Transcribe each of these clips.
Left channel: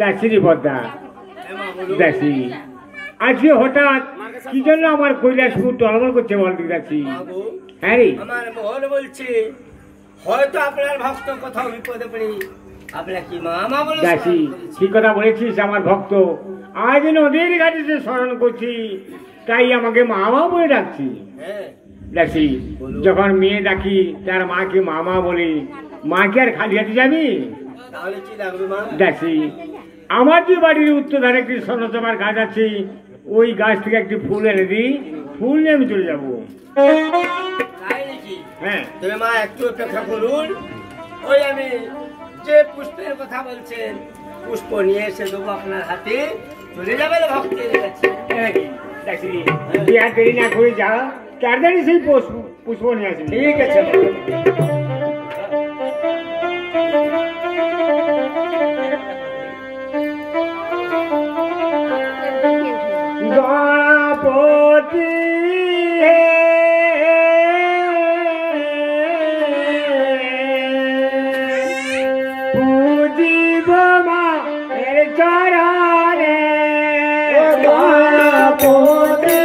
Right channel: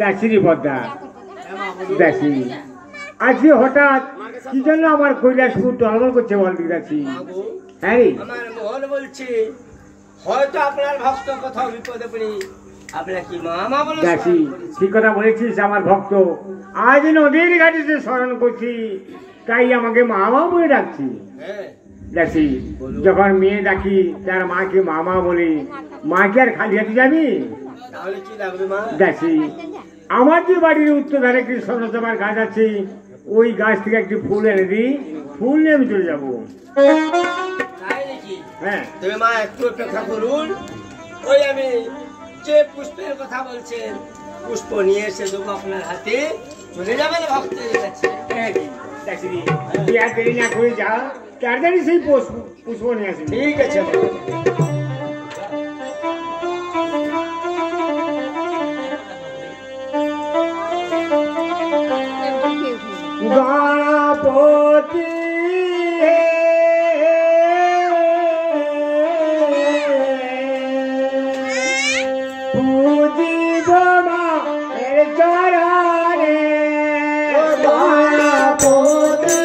দাসিরি বদ্দা দাসি আজকে হঠাৎ কি জন্য আমার কৈলাসপুর টলমল করছে বলতে দাসি? হ্যাঁ রে, আমার মন বলছে হয়তো আপনার ভক্ত কোথাও বিপদে পড়ে আপনার কি মামা বলে। দাসি ঠিক কথা বলেছিস, আমার ভক্ত আজ নদীর ঘাটে স্মরণ করছি তাই আমাকে মামা বলে ডাকছি। দাসি যখন মেয়ে ডাকি তার মাকে মামা বলি, মাকে আর খালি হাতে যাবি? তাহলে কি লাগবে মা? দাসি আমার যে বাড়ির উত্তর ধারে একটি স্বর্ণচমার গাছ আছে, ওই গাছ থেকে একটি ফুল এনে দিই, ফুল নিয়ে আমি চলে যাবো। হ্যাঁ তবে মা একটু অপেক্ষা করুন, ওই আমি যে পুষ্পের কথা বলছেন পুষ্প নিয়ে এসে দেবো আপনার হাতে, চলে যাবে ভক্তের কাছে। দেরি না করে যা, তাড়াতাড়ি সেই পুষ্প নিয়ে আসবি। ঠিক আছে। গণপতি পুজিব মায়ের চরণে, গণপতি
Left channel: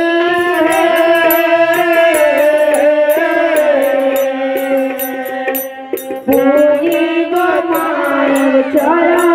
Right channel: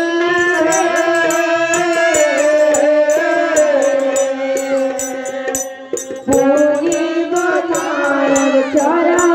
পুজিব মায়ের চরণে।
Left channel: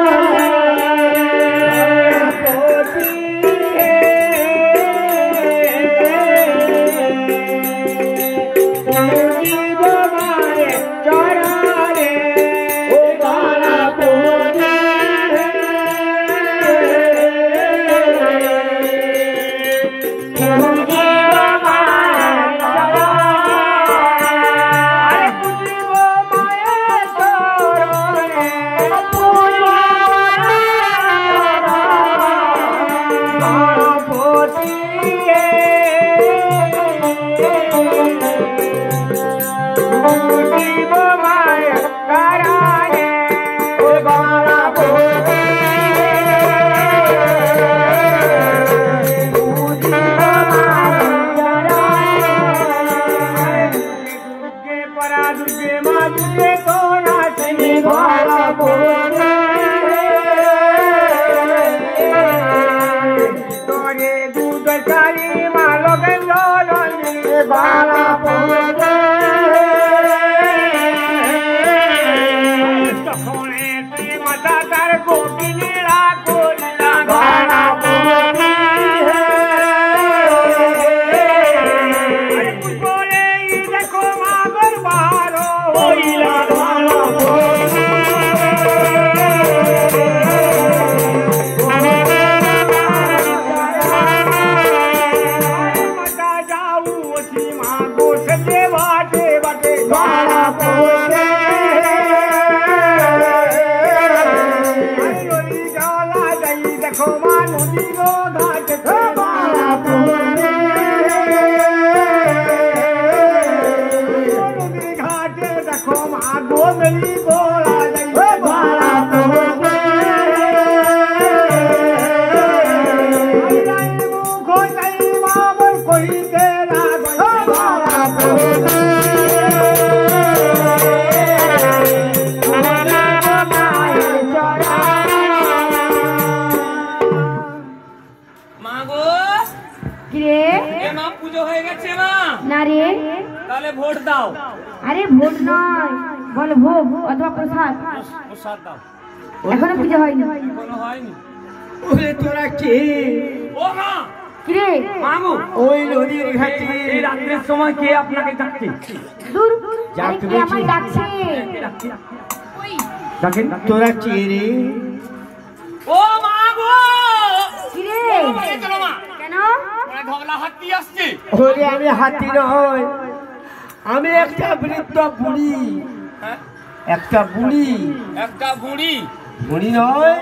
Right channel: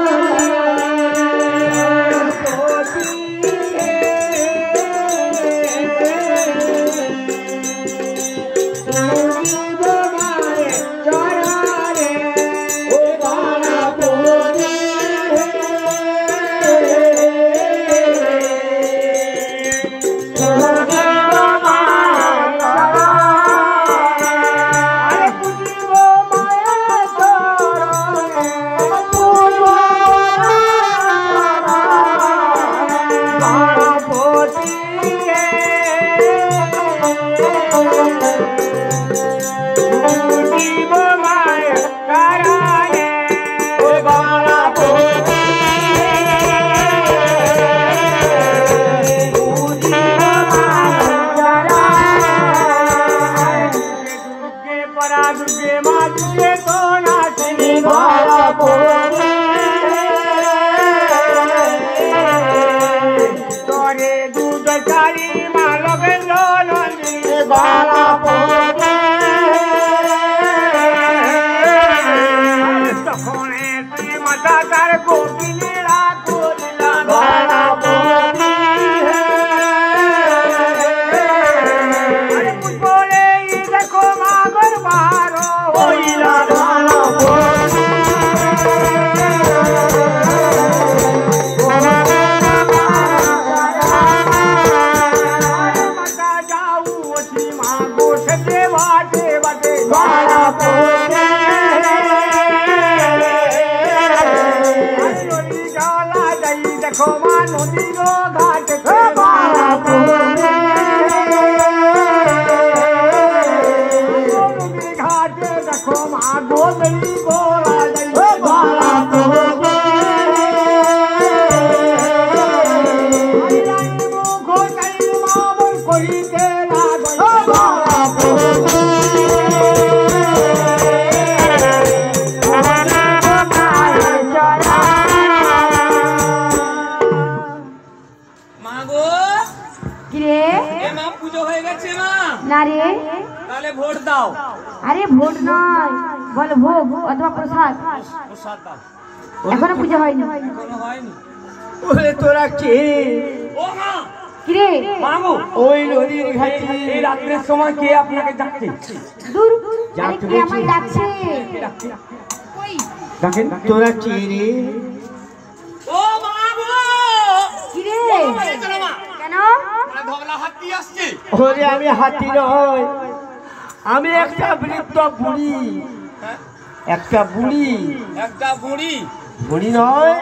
আরে ভোট নয়, বল ভোগ অথবা প্রসাদ। এখনো পুজো হয়নি। ওরে তোরা কে? কিরে ওই নদীর ঘাটে এই রাত্রের সময় কে আপনাকে ডাকছে? দূর, আরে কে আমায় ডাকছে? তোরা কে রে? ও মা গো, কিরে কেন? ধবলা হাতি আসছে। ওরে আমি হাতি নয়, আমি একটা বৃদ্ধ বুড়ি। একটা বুড়ি? একটা বুড়ি? বুড়ি নয়,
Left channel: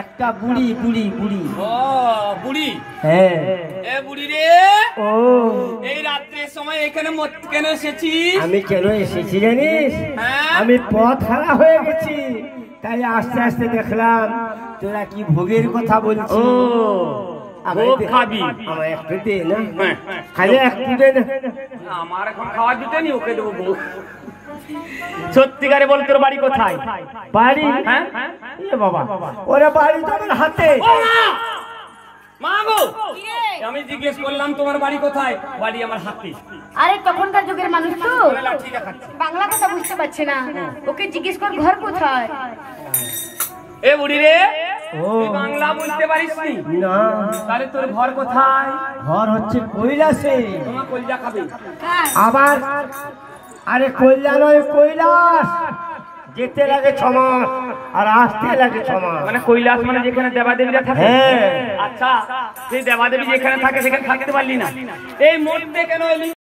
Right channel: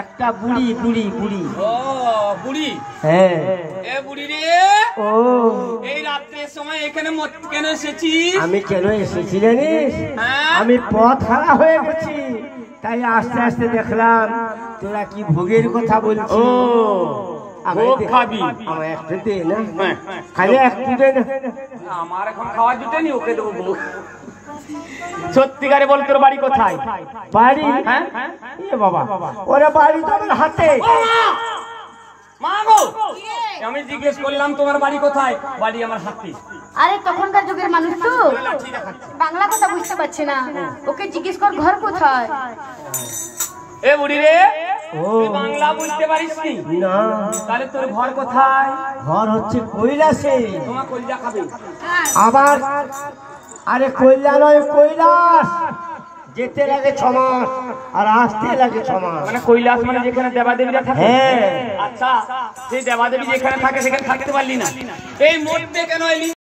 একটা বুড়ি বুড়ি বুড়ি। ও বুড়ি? হ্যাঁ। এ বুড়ি রে, ও এই রাত্রের সময় এখানে কেন এসেছিস? আমি কেন এসেছি জানিস? হ্যাঁ? আমি পথ হারা হয়ে গেছি, তাই আস্তে আস্তে দেখলাম তোরা কি ভোগের কথা বলছিস। ভোগ খাবি? আমার একটু দে না, হ্যাঁ। খালি একটু দে না। আমার এখন খাওয়া জুটেনি, ওকে দেবো ভোগ। সত্যিকারে বল, তোর বাড়ি কোথায়? বাড়ি? হ্যাঁ? এ বাবা, ওরে বাড়ি তো আমার হাতে। মা গো, আমি জিজ্ঞেস করলাম তোমার বাড়ি কোথায়? বাড়ি আমার হাতে। আরে তখনকার যুগের মানুষ তো বাংলা কথা বুঝতে পারছে না, ওকে জিজ্ঞেস কর ঘর কোথায়। এ বুড়ি রে, ও তুই বাংলা বুঝতে পারিস নি? না, তাহলে তোর ঘর কোথায়? ঘর হচ্ছে কৈলাসে। তোমার কলিজা খাবে। আবার আরে কইলা নয়, কৈলাস। যেতে লাগে 6 মাস আর আসতে লাগে 6 মাস। মানে কৈলাস মানে যেখানে দেবাদেবীরা থাকে? হ্যাঁ। আচ্ছা, সেই দেবাদেবী যেখানে থাকে সেখানে থাকতে পারলি না, এই মরতে কেন এলি?